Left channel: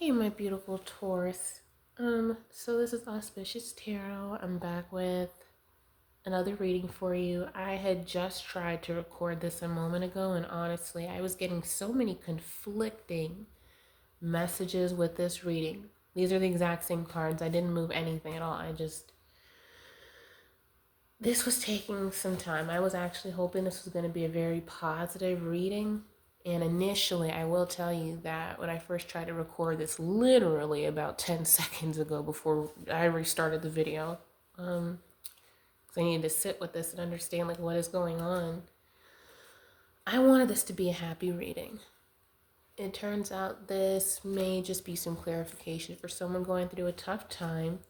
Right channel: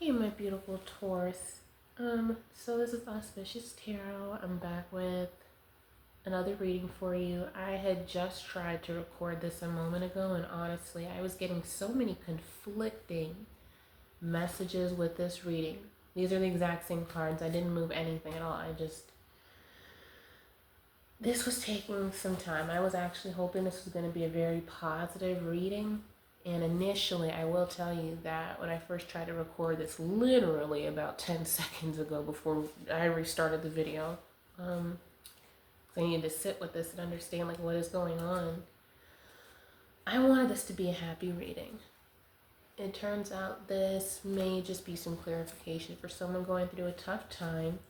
Hey, my beautiful Taurus. So this is Auspicious Tarot. I'm back with another reading for you. I had just tried to record this a moment ago, and honestly, I was getting so many conflicting messages with this reading. These are the exact same cards. I didn't move anything at all. This was taking some time. I was actually hoping this was going to be a very positive reading. And initially, I will tell you that when I first tried to record this, literally about 10 seconds ago before I restarted the video, so I needed to sit with this and understand like what is going on. I wanted this to be a happy reading. It turns out this may just be some clarification for someone going through a tough time.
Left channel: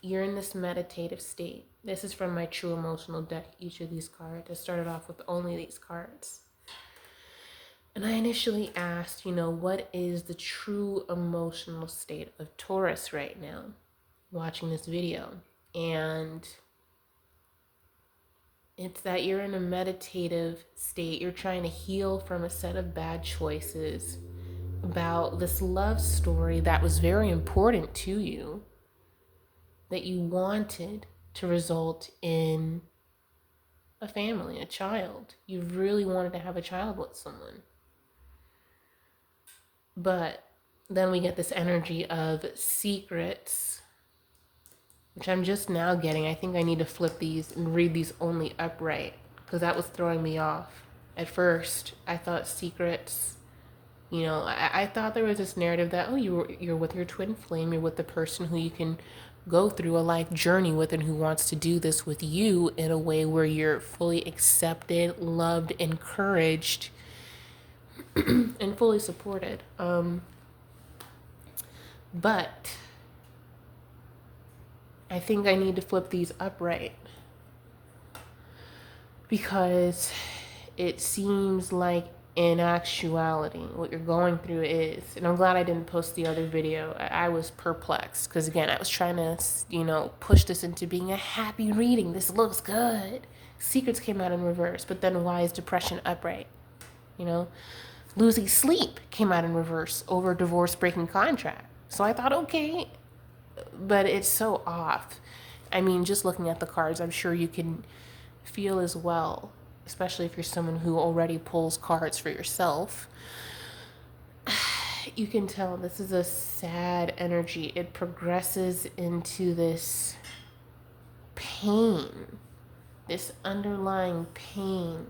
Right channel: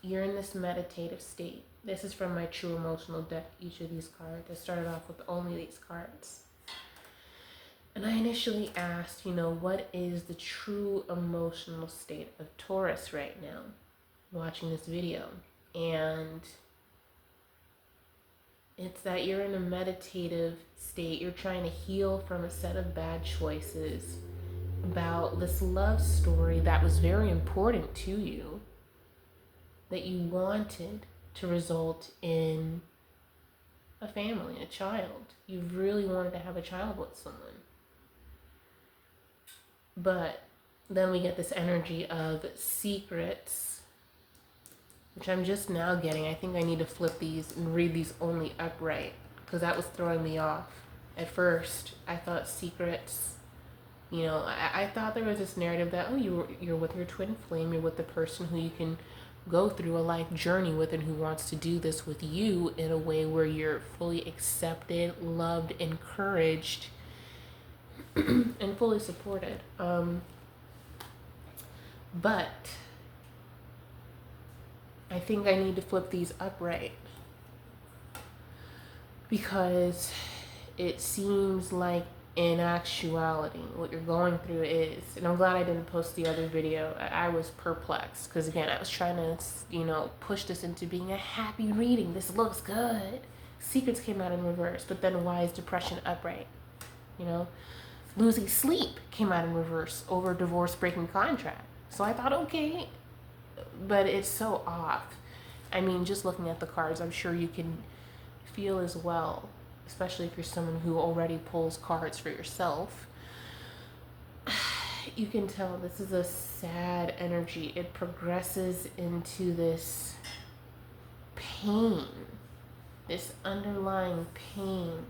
You're in this meditative state. This is from my True Emotional deck, each of these cards. I started off with only these cards. And I initially asked, what is the true emotional state of Taurus right now, watching this video? And it's that you're in a meditative state. You're trying to heal from a set of bad choices about this love story that was very important to you, that you wanted to result in a family, a child. You really wanted to have a child with someone. But then we get this energy of secrets, which I'm just now getting. I think I need to flip these and read these only upright because that was throwing me off. At first, I thought secrets, I thought there was this narrative that, you're with your twin flame, you're with the person who you can go through a life journey with and who wants to do this with you in a way where you're fully accepted, loved, encouraged, and fully supported. But I think I need to flip these upright because it seems like in actuality what you're going through is, and I'm glad I didn't post the other video. I was perplexed because again I was trying to push this into being a happy reading. This looks good. Secrets came out in reverse, but then why is depression upright? Losing sleep came out in reverse over divorce breaking contract. So I thought, okay, but it's so off. I mean, just looking at the cards, I'm sure you can feel as well, especially if you're someone who already pulls cards for yourself. You can tell this is a sad energy. It progresses into this pain, this underlying pain.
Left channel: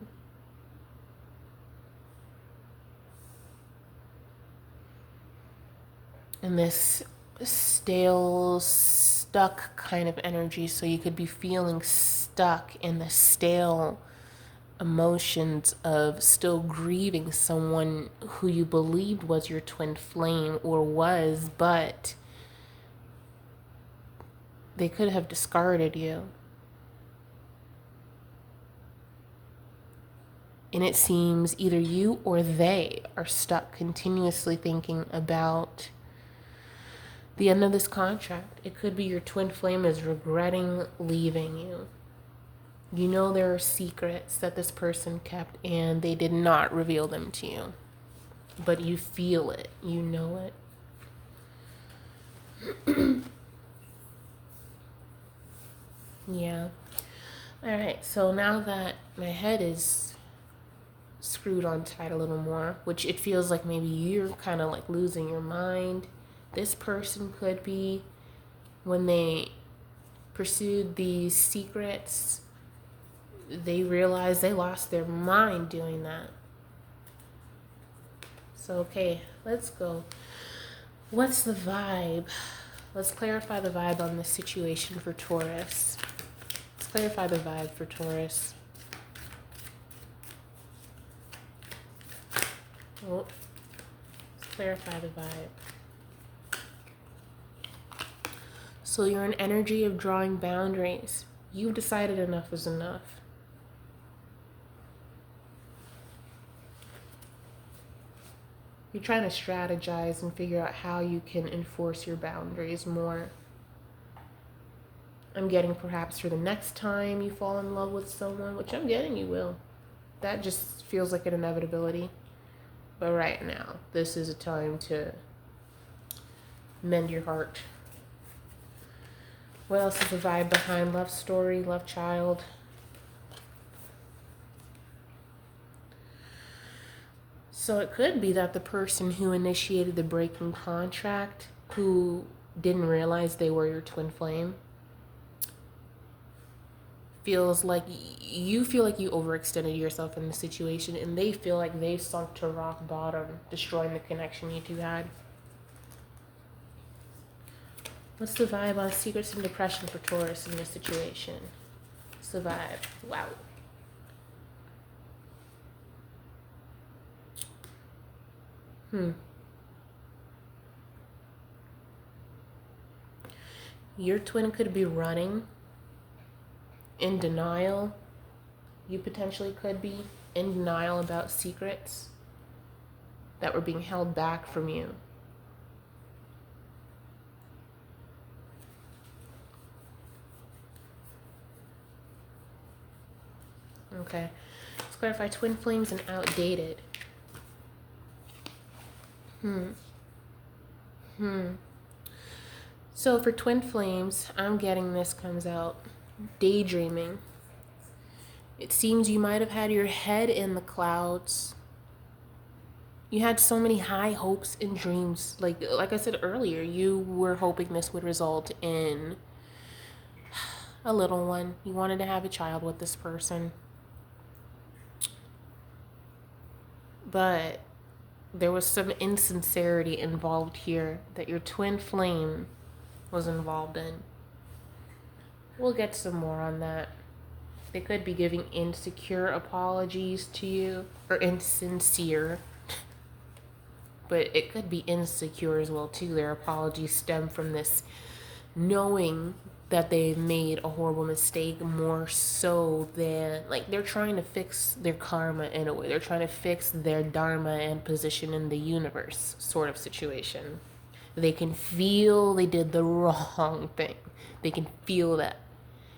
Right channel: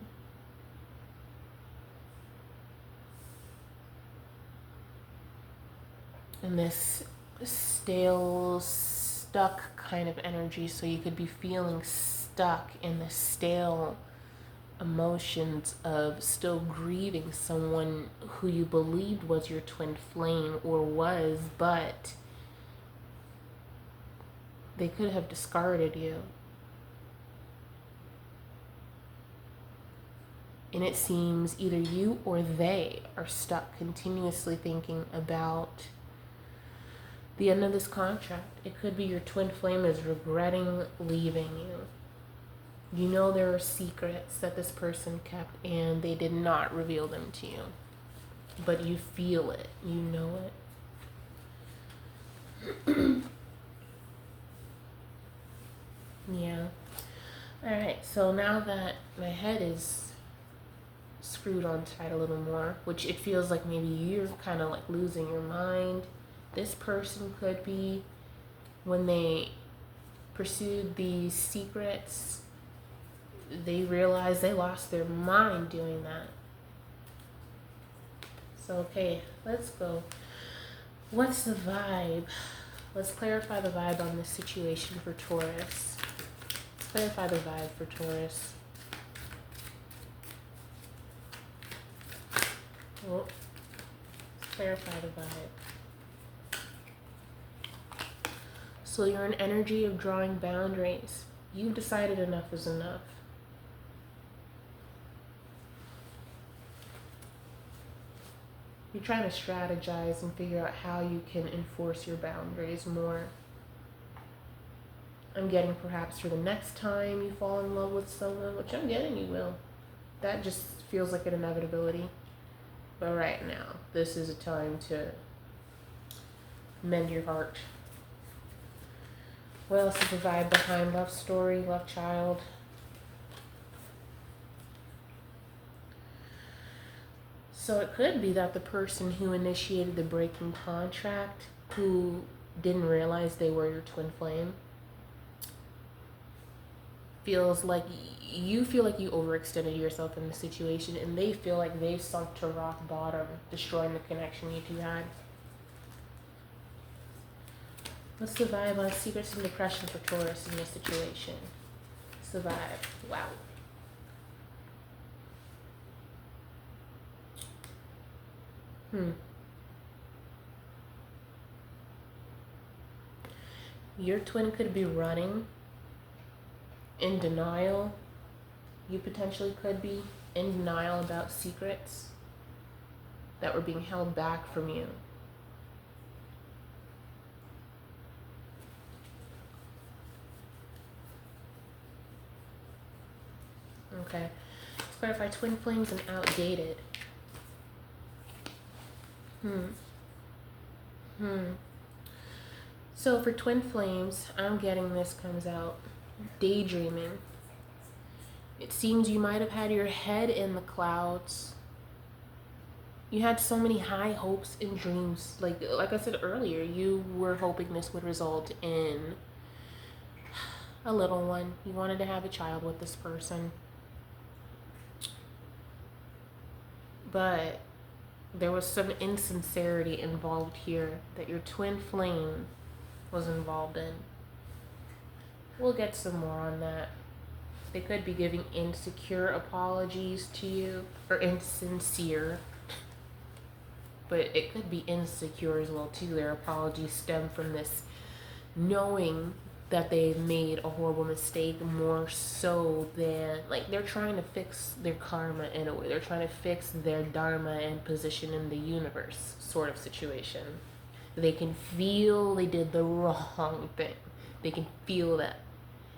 And this stale, stuck kind of energy. So you could be feeling stuck in the stale emotions of still grieving someone who you believed was your twin flame or was, but they could have discarded you. And it seems either you or they are stuck continuously thinking about the end of this contract. It could be your twin flame is regretting leaving you. You know there are secrets that this person kept and they did not reveal them to you. But you feel it. You know it. Yeah. Alright, so now that my head is screwed on tight a little more, which it feels like maybe you're kind of like losing your mind. This person could be, when they pursued these secrets, they realized they lost their mind doing that. So, okay, let's go. What's the vibe? Let's clarify the vibe on this situation for Taurus. Let's clarify the vibe for Taurus. Oh, let's clarify the vibe. So you're an energy of drawing boundaries. You've decided enough is enough. You're trying to strategize and figure out how you can enforce your boundaries more. I'm getting perhaps for the next time you fall in love with someone, which I'm getting you will. That just feels like an inevitability. But right now, this is a time to mend your heart. What else is the vibe behind love story, love child? So it could be that the person who initiated the breaking contract, who didn't realize they were your twin flame, feels like you feel like you overextended yourself in the situation, and they feel like they sunk to rock bottom, destroying the connection you two had. What's the vibe on secrets and depression for Taurus in this situation? What's the vibe? Wow. Your twin could be running in denial. You potentially could be in denial about secrets that were being held back from you. Okay. Let's clarify twin flames and outdated. So for twin flames, I'm getting this comes out daydreaming. It seems you might have had your head in the clouds. You had so many high hopes and dreams. Like I said earlier, you were hoping this would result in a little one. You wanted to have a child with this person. But there was some insincerity involved here that your twin flame was involved in. We'll get some more on that. They could be giving insecure apologies to you, or insincere, but it could be insecure as well too. Their apologies stem from this knowing that they made a horrible mistake, more so than, like, they're trying to fix their karma in a way. They're trying to fix their dharma and position in the universe sort of situation. They can feel they did the wrong thing. They can feel that.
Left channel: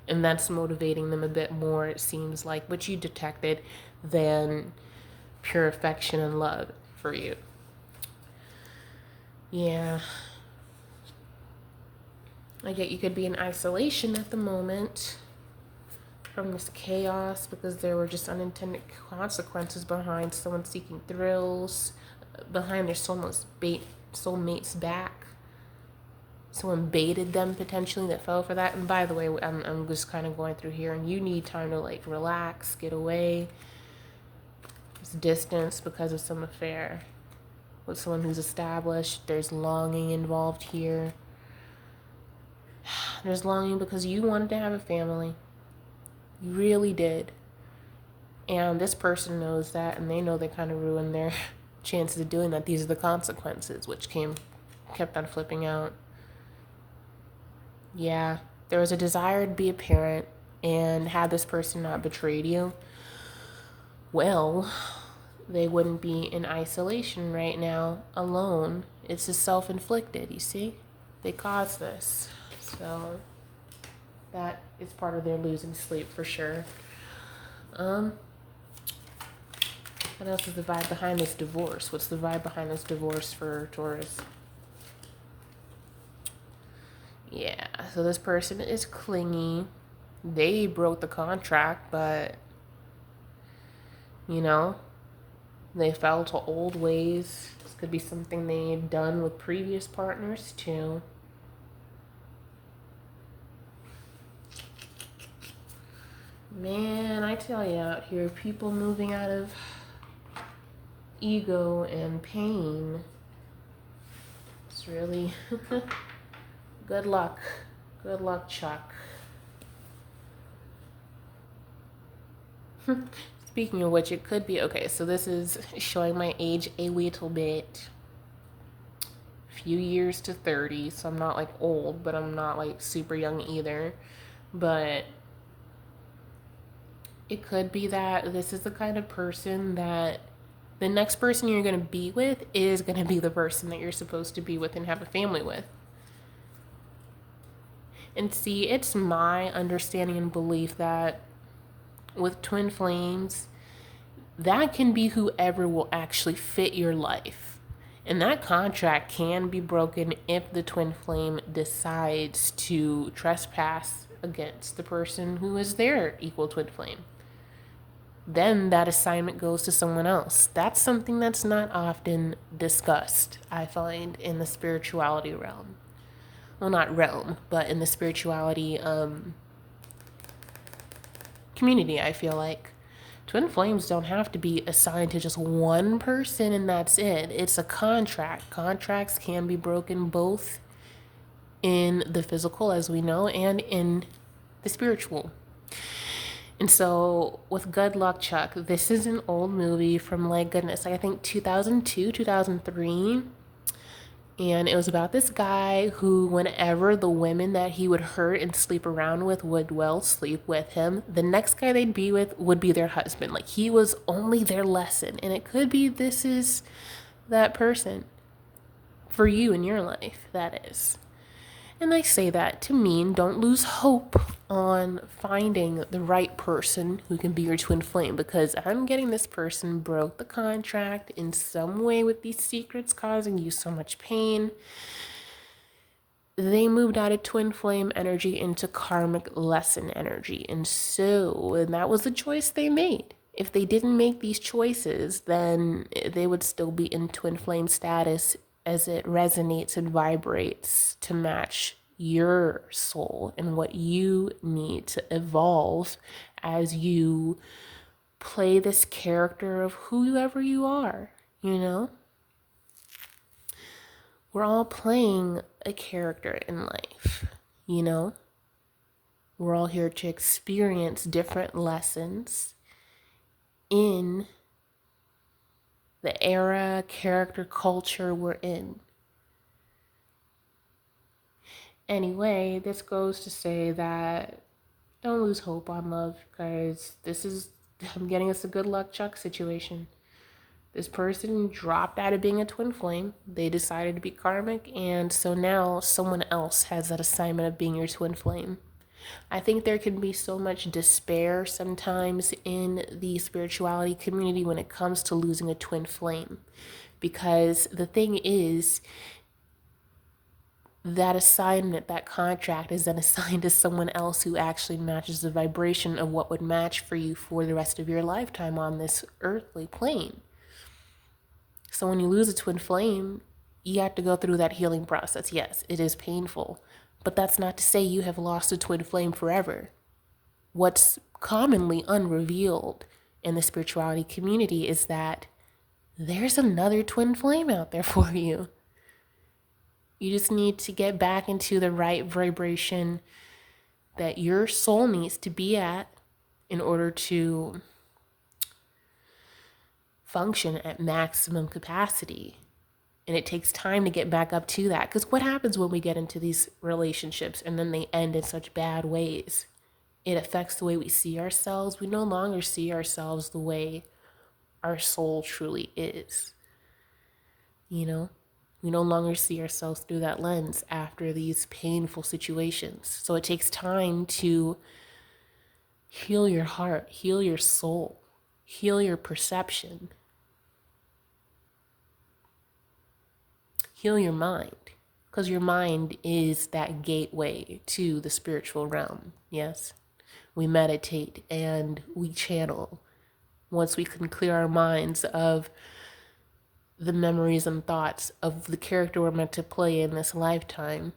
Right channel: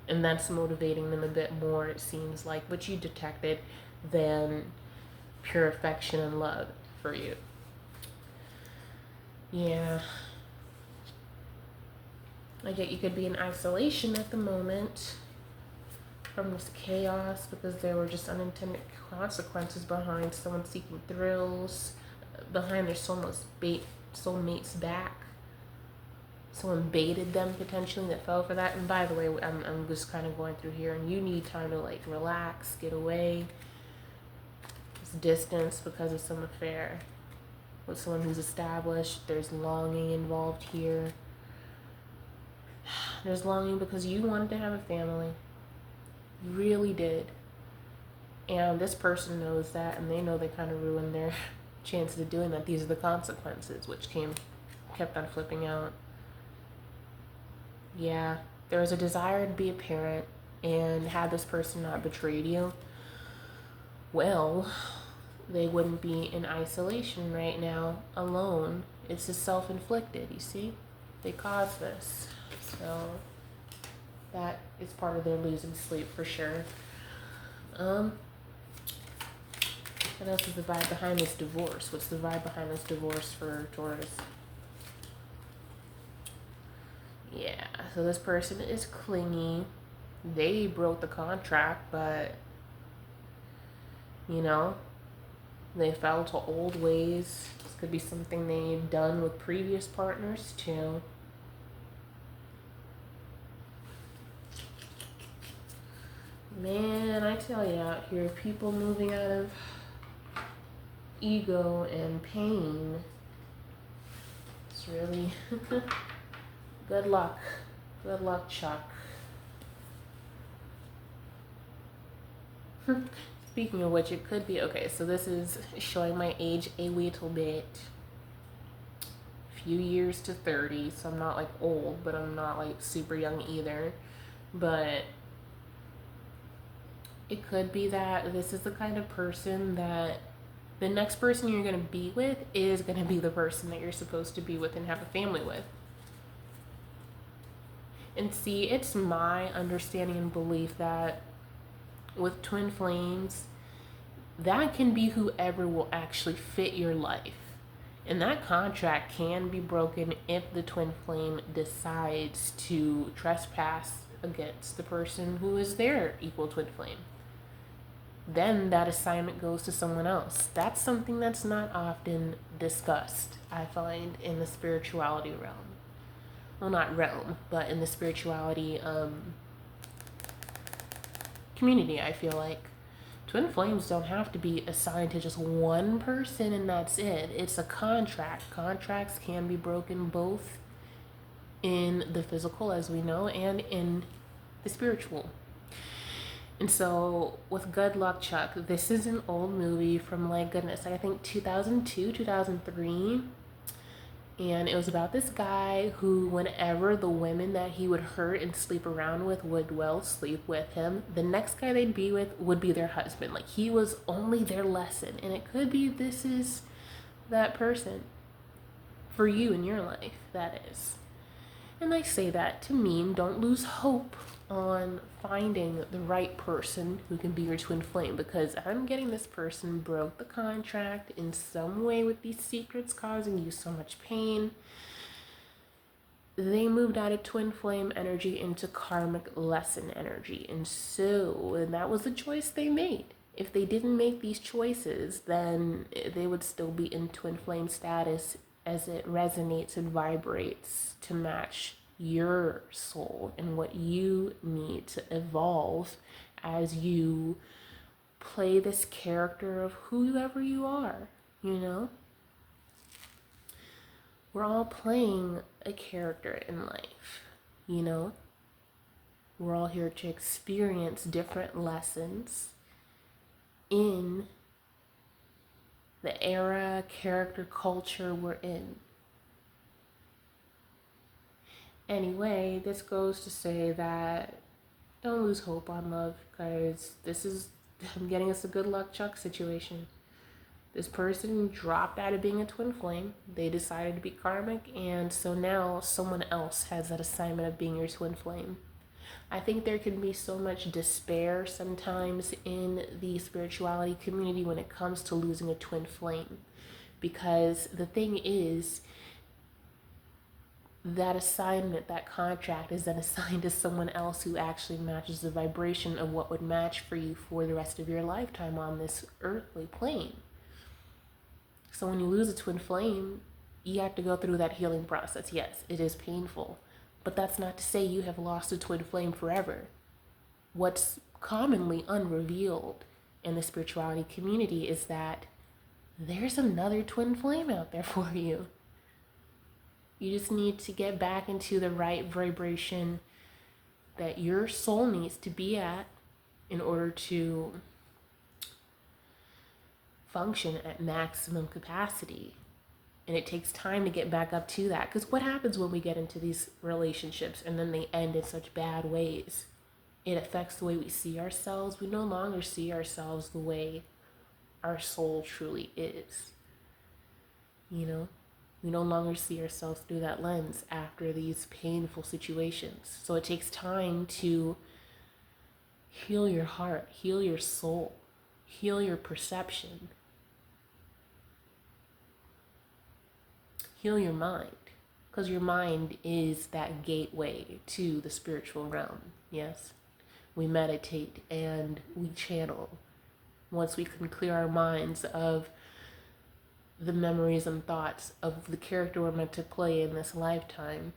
And that's motivating them a bit more, it seems like, what you detected, than pure affection and love for you. Yeah. I get you could be in isolation at the moment from this chaos because there were just unintended consequences behind someone seeking thrills, behind their soulmate's back. Someone baited them potentially that fell for that. And by the way, I'm just kind of going through here, and you need time to like relax, get away. It's distance because of some affair with someone who's established. There's longing involved here. There's longing because you wanted to have a family. You really did. And this person knows that, and they know they kind of ruined their chances of doing that. These are the consequences, which kept on flipping out. Yeah, there was a desire to be a parent, and had this person not betrayed you, well, they wouldn't be in isolation right now, alone. It's just self-inflicted, you see? They caused this. So that is part of their losing sleep for sure. What else is the vibe behind this divorce? What's the vibe behind this divorce for Taurus? Yeah, so this person is clingy. They broke the contract, but, you know, they fell to old ways. This could be something they had done with previous partners, too. Man, I tell you, out here, people moving out of ego and pain. It's really... Good luck. Good luck, Chuck. Speaking of which, it could be... Okay, so this is showing my age a little bit. Few years to 30, so I'm not, like, old, but I'm not, like, super young either. But it could be that this is the kind of person that the next person you're going to be with is going to be the person that you're supposed to be with and have a family with. And see, it's my understanding and belief that with twin flames, that can be whoever will actually fit your life. And that contract can be broken if the twin flame decides to trespass against the person who is their equal twin flame. Then that assignment goes to someone else. That's something that's not often discussed, I find, in the spirituality realm. Well, not realm, but in the spirituality community, I feel like. Twin flames don't have to be assigned to just one person and that's it. It's a contract. Contracts can be broken both in the physical, as we know, and in the spiritual. And so with Good Luck Chuck, this is an old movie from, like, goodness, I think 2002, 2003. And it was about this guy who, whenever the women that he would hurt and sleep around with would, well, sleep with him, the next guy they'd be with would be their husband. Like, he was only their lesson. And it could be this is that person for you in your life, that is. And I say that to mean don't lose hope on finding the right person who can be your twin flame, because I'm getting this person broke the contract in some way with these secrets causing you so much pain. They moved out of twin flame energy into karmic lesson energy. And that was the choice they made. If they didn't make these choices, then they would still be in twin flame status as it resonates and vibrates to match your soul and what you need to evolve as you play this character of whoever you are, you know? We're all playing a character in life, you know? We're all here to experience different lessons in the era, character, culture we're in. Anyway, this goes to say that don't lose hope on love, because I'm getting us a Good Luck Chuck situation. This person dropped out of being a twin flame. They decided to be karmic, and so now someone else has that assignment of being your twin flame. I think there can be so much despair sometimes in the spirituality community when it comes to losing a twin flame. Because the thing is, that assignment, that contract is then assigned to someone else who actually matches the vibration of what would match for you for the rest of your lifetime on this earthly plane. So when you lose a twin flame, you have to go through that healing process. Yes, it is painful, but that's not to say you have lost a twin flame forever. What's commonly unrevealed in the spirituality community is that there's another twin flame out there for you. You just need to get back into the right vibration that your soul needs to be at in order to function at maximum capacity. And it takes time to get back up to that. Because what happens when we get into these relationships and then they end in such bad ways? It affects the way we see ourselves. We no longer see ourselves the way our soul truly is. You know? We no longer see ourselves through that lens after these painful situations. So it takes time to heal your heart, heal your soul, heal your perception, heal your mind. Because your mind is that gateway to the spiritual realm. Yes, we meditate and we channel. Once we can clear our minds of the memories and thoughts of the character we're meant to play in this lifetime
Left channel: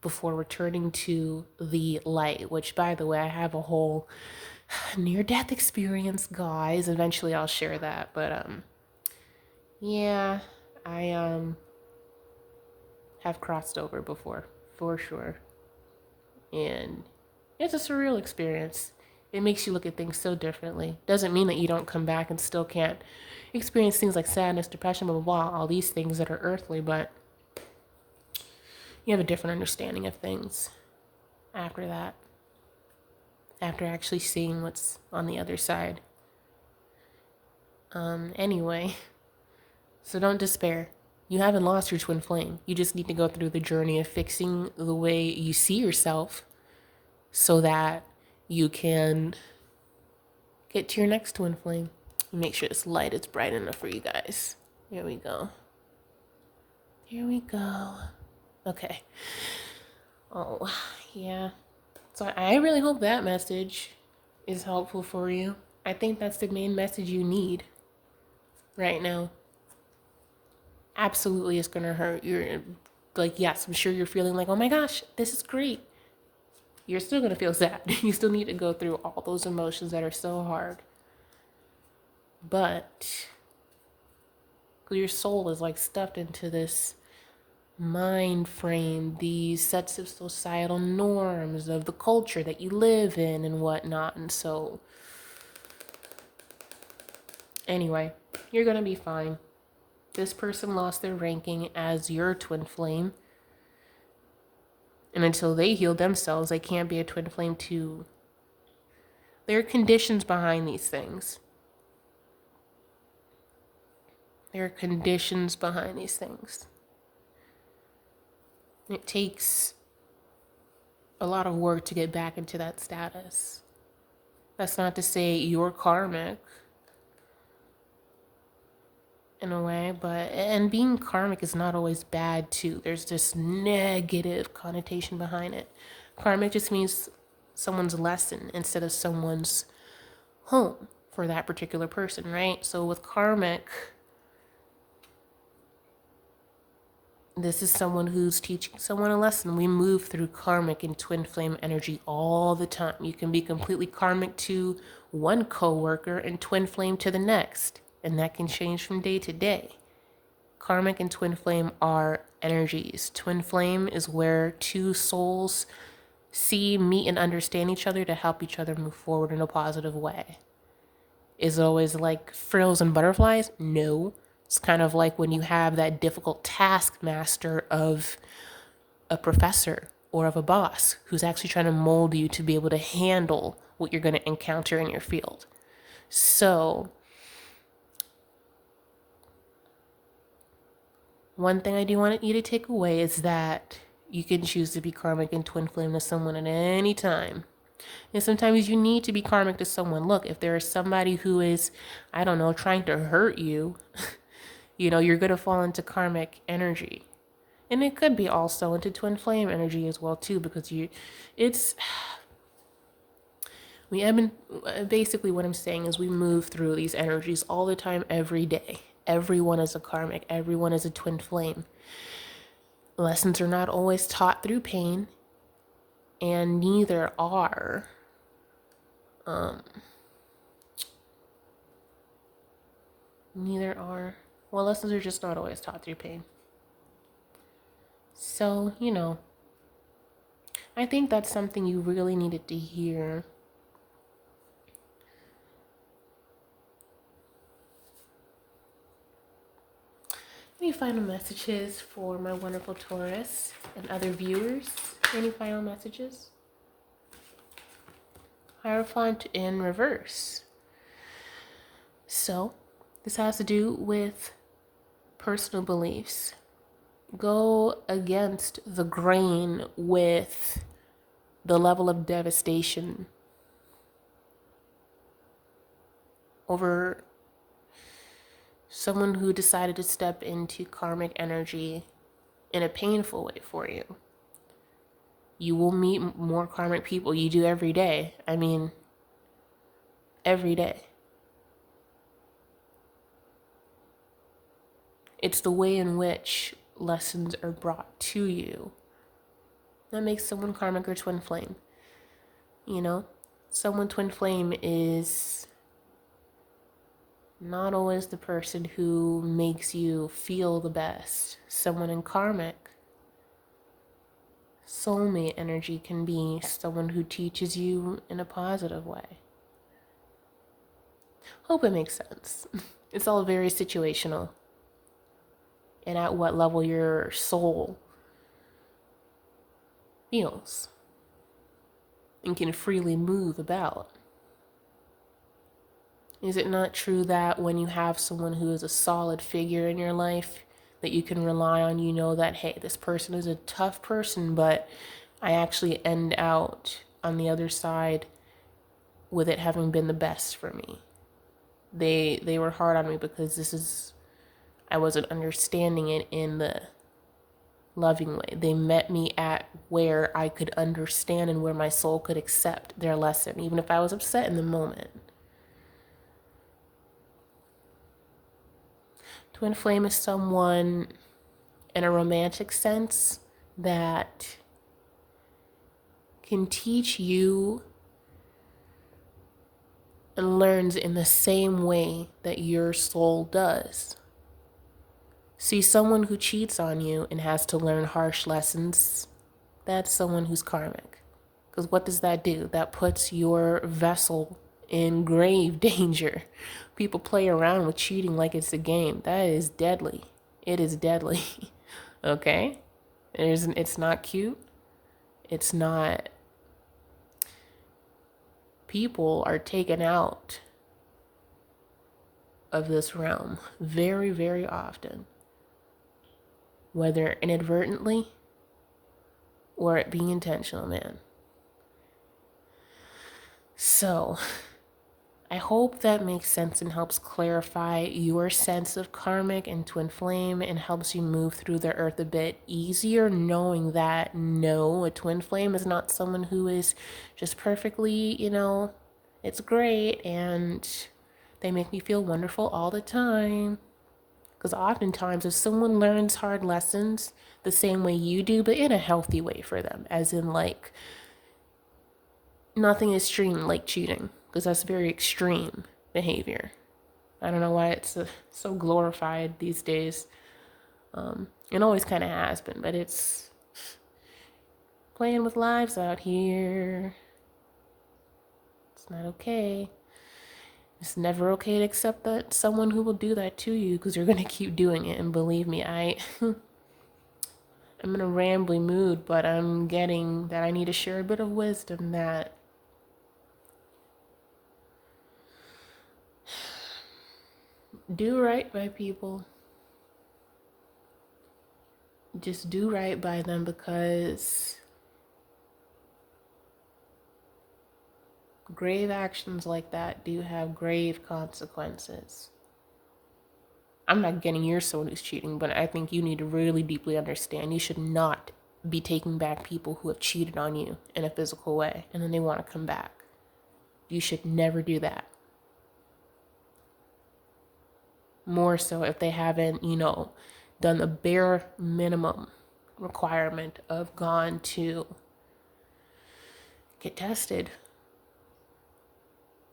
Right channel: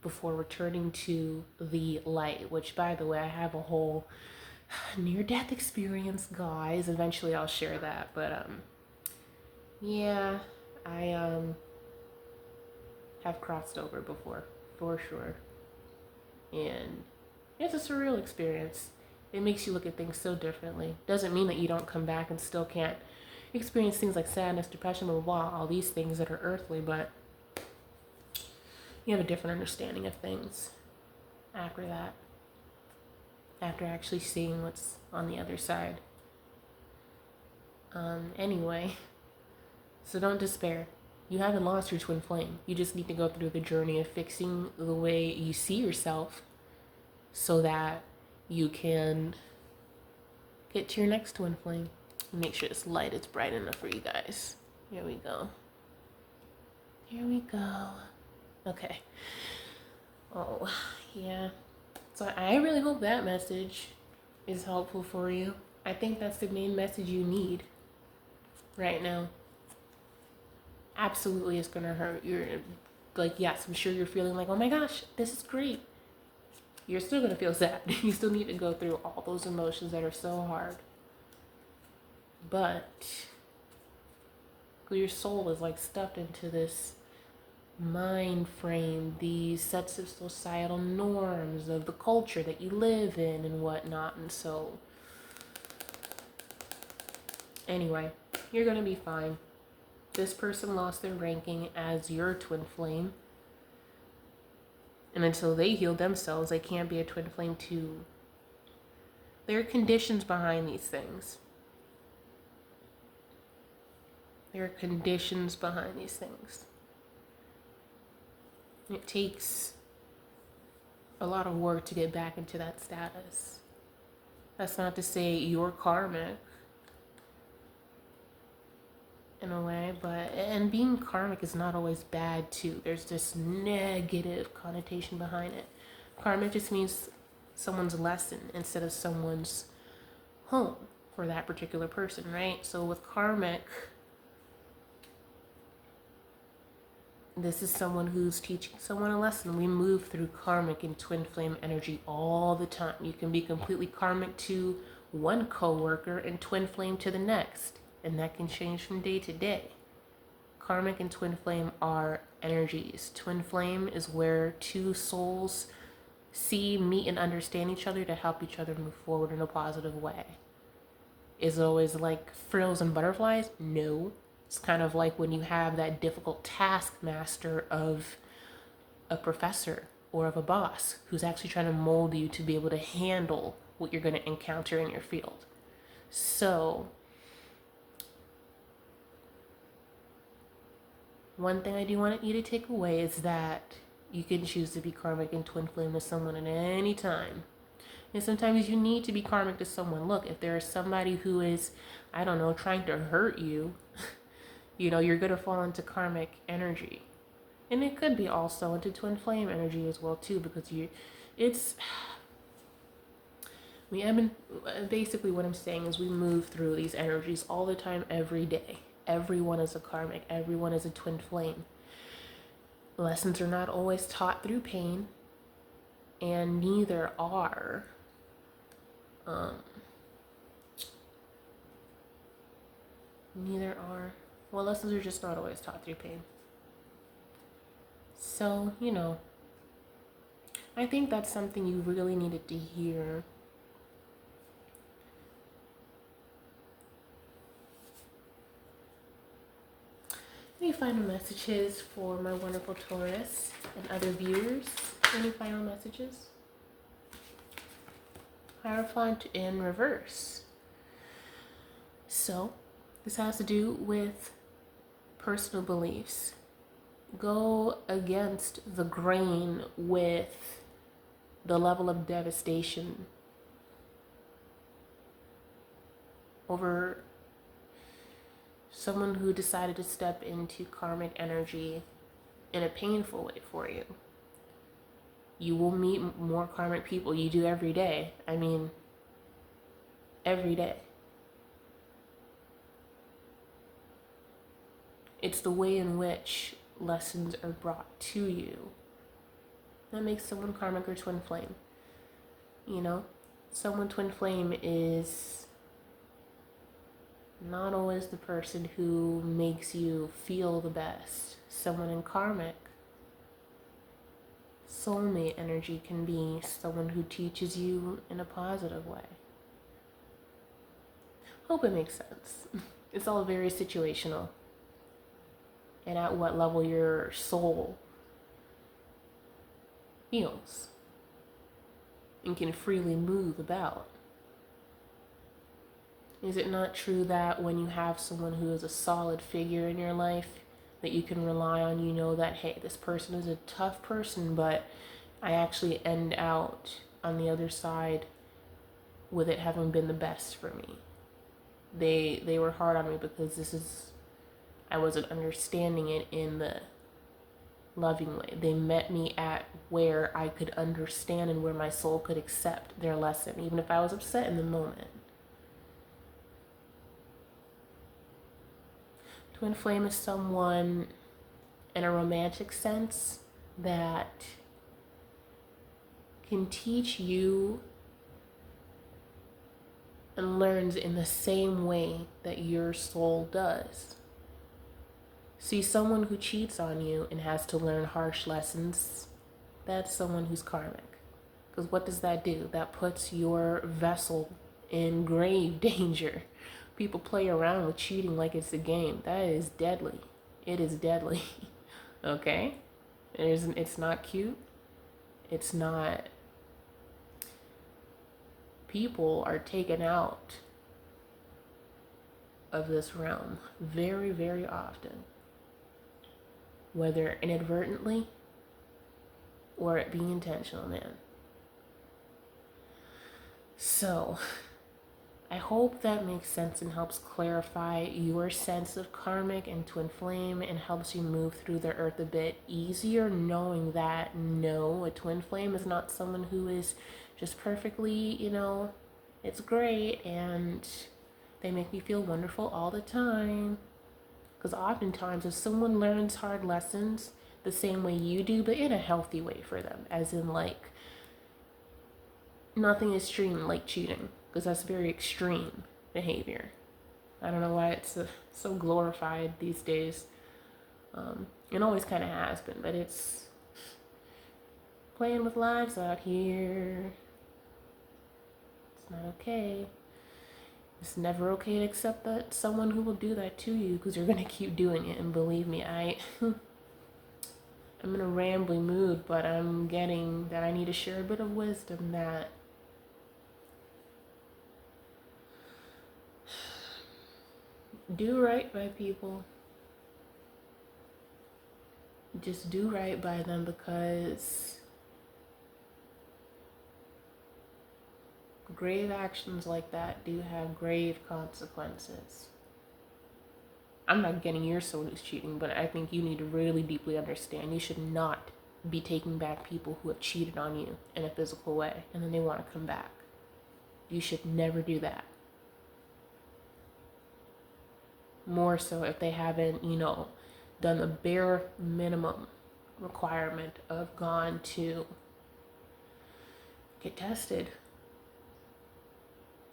before returning to the light, which, by the way, I have a whole near-death experience, guys. Eventually I'll share that, but yeah, I have crossed over before, for sure. And it's a surreal experience. It makes you look at things so differently. Doesn't mean that you don't come back and still can't experience things like sadness, depression, blah, blah, blah, all these things that are earthly, but you have a different understanding of things after that, after actually seeing what's on the other side. Anyway, so don't despair. You haven't lost your twin flame. You just need to go through the journey of fixing the way you see yourself so that you can get to your next twin flame. Make sure this light is bright enough for you guys. Here we go. Here we go. Okay. Oh, yeah. So I really hope that message is helpful for you. I think that's the main message you need right now. Absolutely, it's gonna hurt. You're like, yes, I'm sure you're feeling like, oh my gosh, this is great. You're still gonna feel sad. You still need to go through all those emotions that are so hard. But your soul is like stuffed into this mind frame, these sets of societal norms of the culture that you live in and whatnot. And so, anyway, you're gonna be fine. This person lost their ranking as your twin flame. And until they heal themselves, they can't be a twin flame too. There are conditions behind these things. There are conditions behind these things. It takes a lot of work to get back into that status. That's not to say you're karmic in a way, and being karmic is not always bad too. There's this negative connotation behind it. Karmic just means someone's lesson instead of someone's home for that particular person, right? So with karmic, this is someone who's teaching someone a lesson. We move through karmic and twin flame energy all the time. You can be completely karmic to one coworker and twin flame to the next, and that can change from day to day. Karmic and twin flame are energies. Twin flame is where two souls see, meet, and understand each other to help each other move forward in a positive way. Is it always like frills and butterflies? No. It's kind of like when you have that difficult taskmaster of a professor or of a boss who's actually trying to mold you to be able to handle what you're going to encounter in your field. So, one thing I do want you to take away is that you can choose to be karmic and twin flame to someone at any time. And sometimes you need to be karmic to someone. Look, if there is somebody who is, I don't know, trying to hurt you, you're going to fall into karmic energy. And it could be also into twin flame energy as well too, because basically what I'm saying is we move through these energies all the time, every day. Everyone is a karmic. Everyone is a twin flame. Lessons are not always taught through pain, and neither are lessons are just not always taught through pain. So, I think that's something you really needed to hear. Any final messages for my wonderful Taurus and other viewers? Any final messages? Hierophant in reverse. So, this has to do with personal beliefs. Go against the grain with the level of devastation over someone who decided to step into karmic energy in a painful way for you. You will meet more karmic people. You do every day. I mean, every day. It's the way in which lessons are brought to you that makes someone karmic or twin flame. Someone twin flame is not always the person who makes you feel the best. Someone in karmic, soulmate energy can be someone who teaches you in a positive way. Hope it makes sense. It's all very situational. And at what level your soul feels and can freely move about. Is it not true that when you have someone who is a solid figure in your life that you can rely on, you know that, hey, this person is a tough person, but I actually end out on the other side with it having been the best for me. They were hard on me because I wasn't understanding it in the loving way. They met me at where I could understand and where my soul could accept their lesson, even if I was upset in the moment. Twin flame is someone in a romantic sense that can teach you and learns in the same way that your soul does. See, someone who cheats on you and has to learn harsh lessons, that's someone who's karmic. Because what does that do? That puts your vessel in grave danger. People play around with cheating like it's a game. That is deadly. It is deadly. Okay? It's not cute. It's not. People are taken out of this realm very, very often, whether inadvertently or it being intentional, man. So, I hope that makes sense and helps clarify your sense of karmic and twin flame and helps you move through the earth a bit easier, knowing that no, a twin flame is not someone who is just perfectly, it's great and they make me feel wonderful all the time. Because oftentimes, if someone learns hard lessons the same way you do, but in a healthy way for them, as in like nothing extreme like cheating, because that's very extreme behavior. I don't know why it's so glorified these days. It always kind of has been, but it's playing with lives out here. It's not okay. It's never okay to accept that someone who will do that to you, because you're going to keep doing it. And believe me, I'm in a rambly mood, but I'm getting that I need to share a bit of wisdom that do right by people. Just do right by them, because grave actions like that do have grave consequences. I'm not getting your soul who's cheating, but I think you need to really deeply understand you should not be taking back people who have cheated on you in a physical way and then they want to come back. You should never do that. More so if they haven't, done the bare minimum requirement of gone to get tested.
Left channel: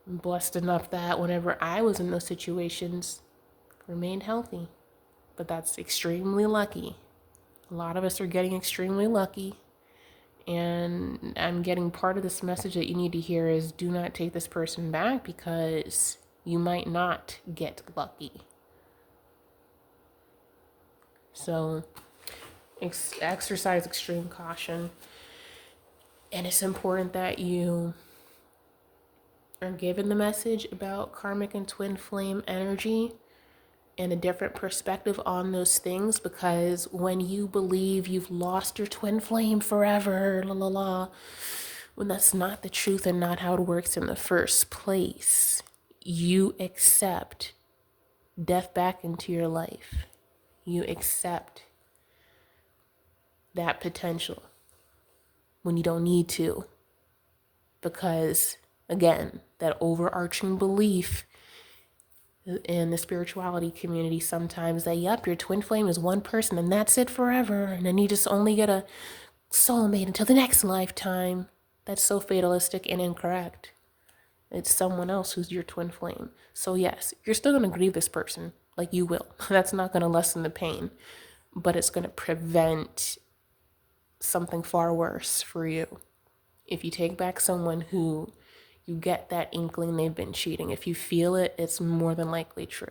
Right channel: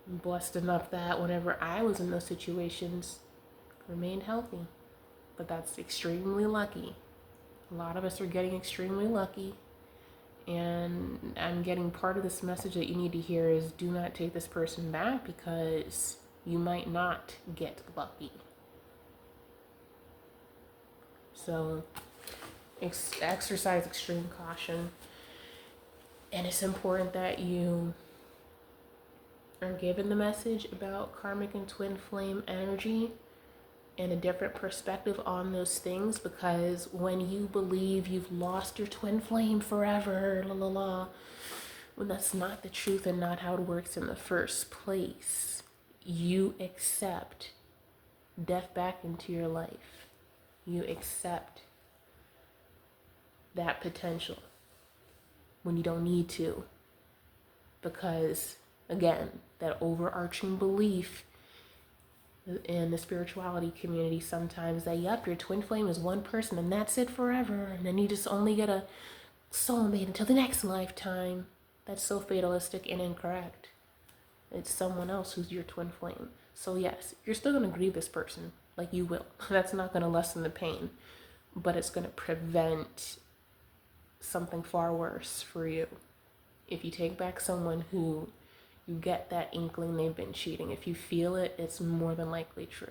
I'm blessed enough that whenever I was in those situations, remained healthy. But that's extremely lucky. A lot of us are getting extremely lucky. And I'm getting part of this message that you need to hear is do not take this person back, because you might not get lucky. So exercise extreme caution. And it's important that you are given the message about karmic and twin flame energy and a different perspective on those things, because when you believe you've lost your twin flame forever, when that's not the truth and not how it works in the first place, you accept death back into your life. You accept that potential when you don't need to, because again, that overarching belief in the spirituality community sometimes that, yep, your twin flame is one person and that's it forever, and then you just only get a soulmate until the next lifetime. That's so fatalistic and incorrect. It's someone else who's your twin flame. So yes, you're still going to grieve this person, like you will. That's not going to lessen the pain, but it's going to prevent something far worse for you. If you take back someone who you get that inkling they've been cheating, if you feel it, it's more than likely true.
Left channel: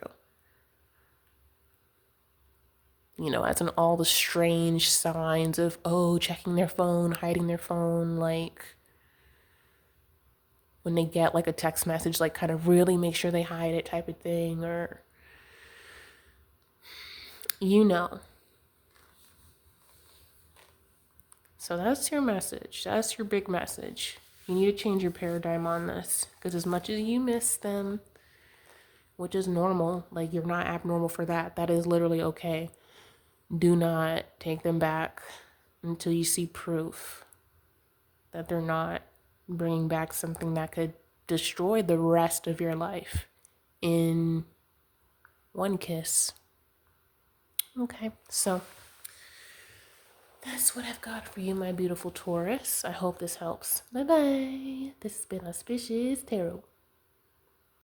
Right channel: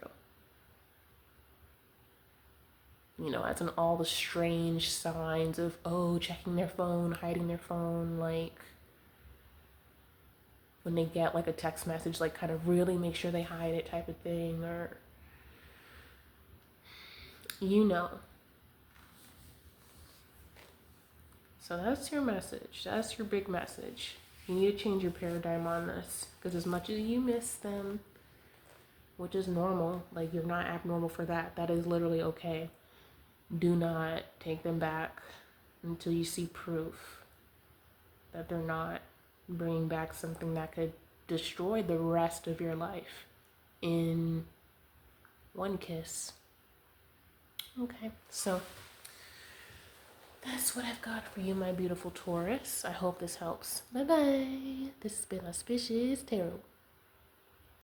As in all the strange signs of, checking their phone, hiding their phone, like when they get like a text message, like kind of really make sure they hide it type of thing, or, So that's your message. That's your big message. You need to change your paradigm on this, because as much as you miss them, which is normal, like you're not abnormal for that. That is literally okay. Do not take them back until you see proof that they're not bringing back something that could destroy the rest of your life in one kiss. Okay, so that's what I've got for you, my beautiful Taurus. I hope this helps. Bye bye. This has been Auspicious Tarot.